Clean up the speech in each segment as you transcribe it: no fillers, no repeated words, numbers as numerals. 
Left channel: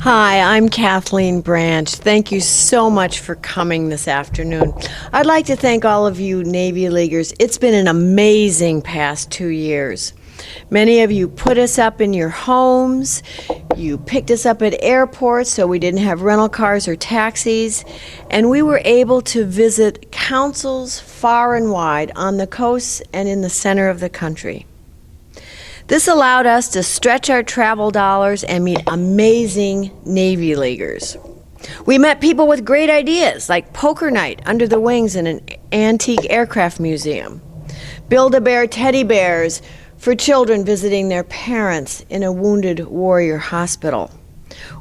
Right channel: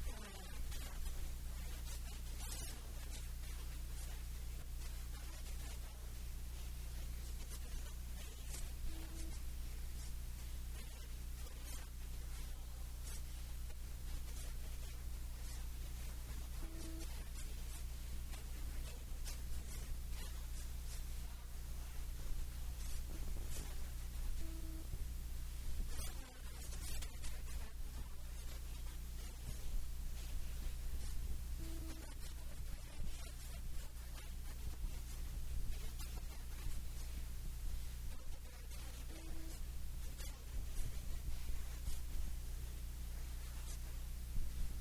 Hi, I'm Kathleen Branch. Thank you so much for coming this afternoon. I'd like to thank all of you Navy Leaguers. It's been an amazing past 2 years. Many of you put us up in your homes. You picked us up at airports so we didn't have rental cars or taxis. And we were able to visit councils far and wide on the coasts and in the center of the country. This allowed us to stretch our travel dollars and meet amazing Navy Leaguers. We met people with great ideas, like poker night under the wings in an antique aircraft museum, Build-A-Bear teddy bears for children visiting their parents in a wounded warrior hospital,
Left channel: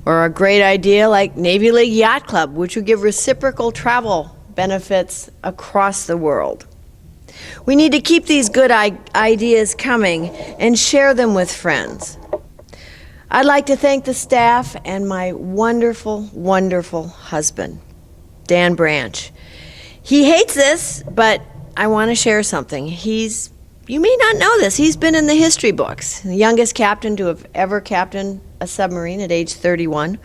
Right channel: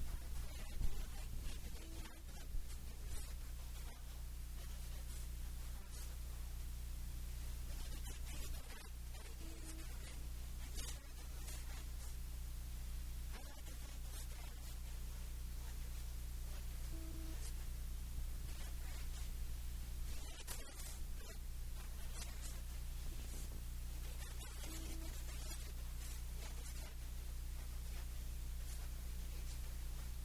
or a great idea like Navy League Yacht Club, which would give reciprocal travel benefits across the world. We need to keep these good ideas coming and share them with friends. I'd like to thank the staff and my wonderful, wonderful husband, Dan Branch. He hates this, but I want to share something. You may not know this, he's been in the history books. The youngest captain to have ever captained a submarine at age 31,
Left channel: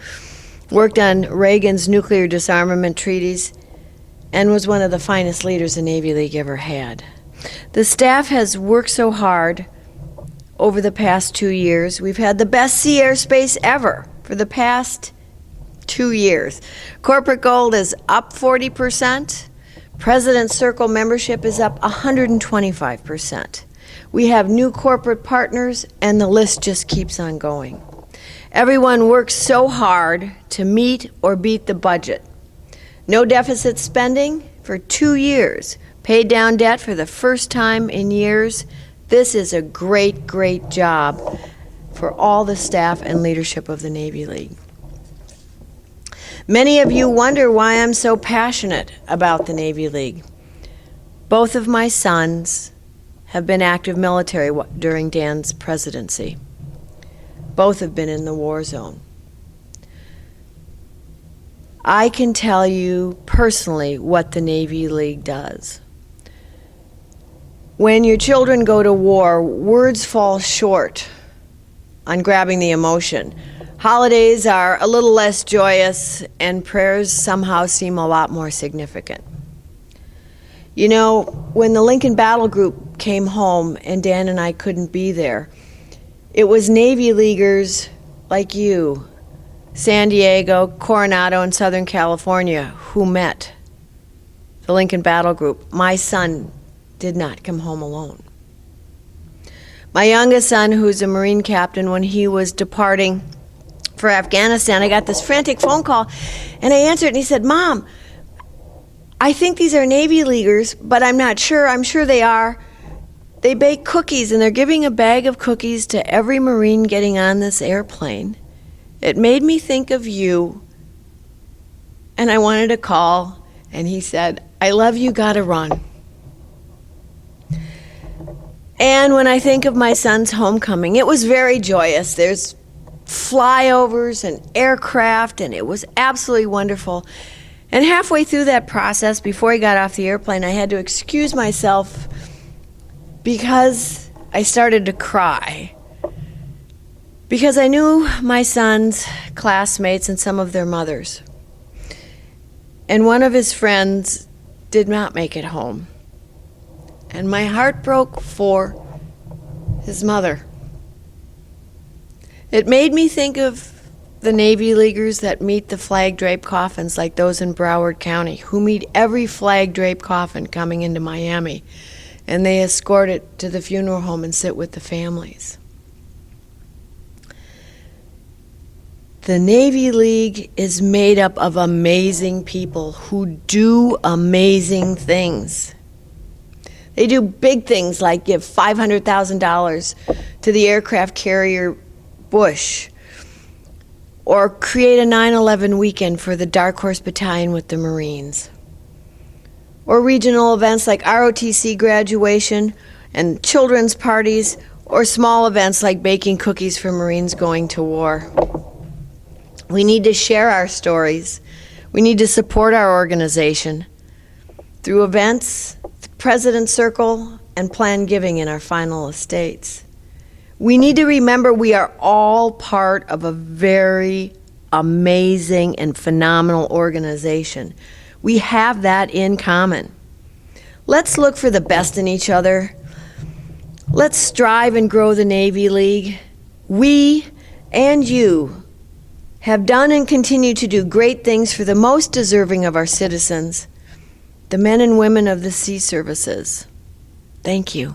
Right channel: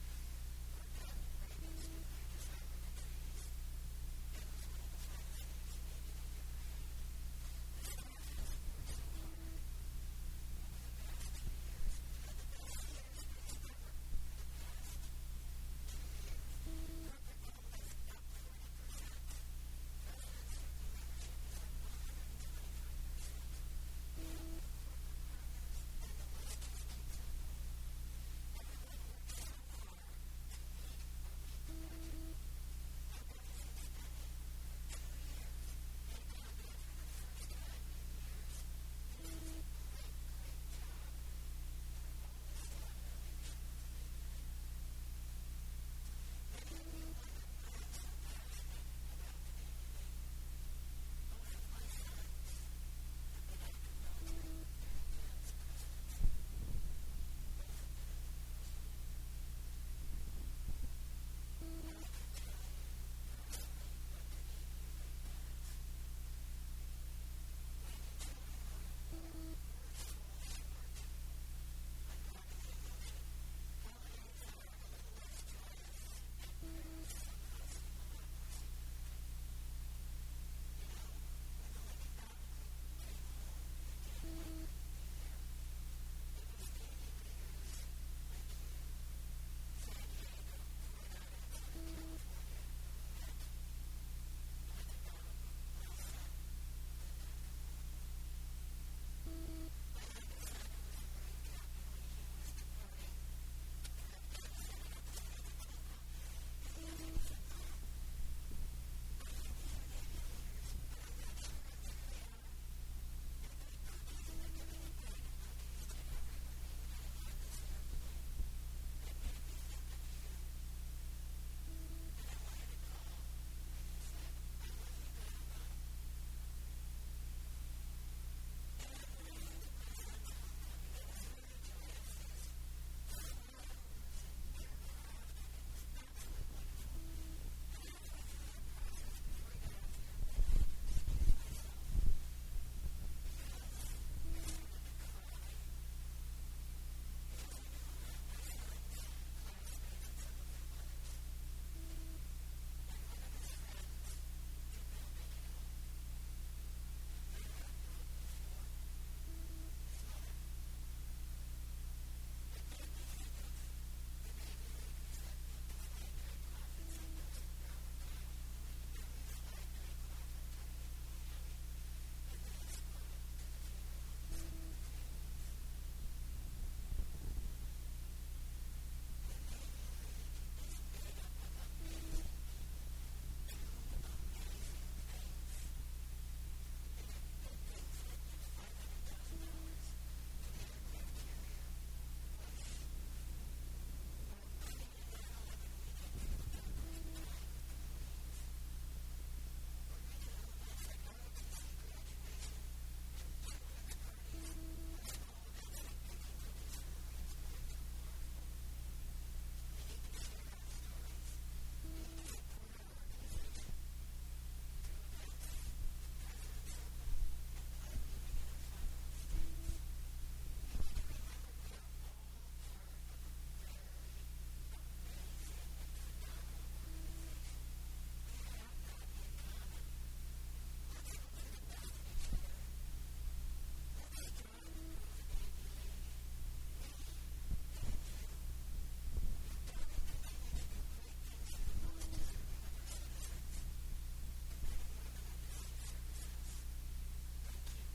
worked on Reagan's nuclear disarmament treaties, and was one of the finest leaders the Navy League ever had. The staff has worked so hard over the past 2 years. We've had the best sea airspace ever for the past 2 years. Corporate gold is up 40%. President's Circle membership is up 125%. We have new corporate partners, and the list just keeps on going. Everyone works so hard to meet or beat the budget. No deficit spending for 2 years. Paid down debt for the first time in years. This is a great, great job for all the staff and leadership of the Navy League. Many of you wonder why I'm so passionate about the Navy League. Both of my sons have been active military during Dan's presidency. Both have been in the war zone. I can tell you personally what the Navy League does. When your children go to war, words fall short on grabbing the emotion. Holidays are a little less joyous, and prayers somehow seem a lot more significant. You know, when the Lincoln Battle Group came home and Dan and I couldn't be there, it was Navy Leaguers like you, San Diego, Coronado, and Southern California, who met the Lincoln Battle Group. My son did not come home alone. My youngest son, who's a Marine captain, when he was departing for Afghanistan, I got this frantic phone call, and I answered, and he said, "Mom, I think these are Navy Leaguers, but I'm not sure. I'm sure they are. They bake cookies, and they're giving a bag of cookies to every Marine getting on this airplane. It made me think of you, and I wanted to call." And he said, "I love you, gotta run." And when I think of my son's homecoming, it was very joyous. There's flyovers and aircraft, and it was absolutely wonderful. And halfway through that process, before he got off the airplane, I had to excuse myself because I started to cry. Because I knew my son's classmates and some of their mothers. And one of his friends did not make it home. And my heart broke for his mother. It made me think of the Navy Leaguers that meet the flag-draped coffins like those in Broward County, who meet every flag-draped coffin coming into Miami, and they escort it to the funeral home and sit with the families. The Navy League is made up of amazing people who do amazing things. They do big things like give $500,000 to the aircraft carrier Bush, or create a 9/11 weekend for the Dark Horse Battalion with the Marines, or regional events like ROTC graduation and children's parties, or small events like baking cookies for Marines going to war. We need to share our stories. We need to support our organization through events, President's Circle, and planned giving in our final estates. We need to remember we are all part of a very amazing and phenomenal organization. We have that in common. Let's look for the best in each other. Let's strive and grow the Navy League. We and you have done and continue to do great things for the most deserving of our citizens, the men and women of the sea services. Thank you.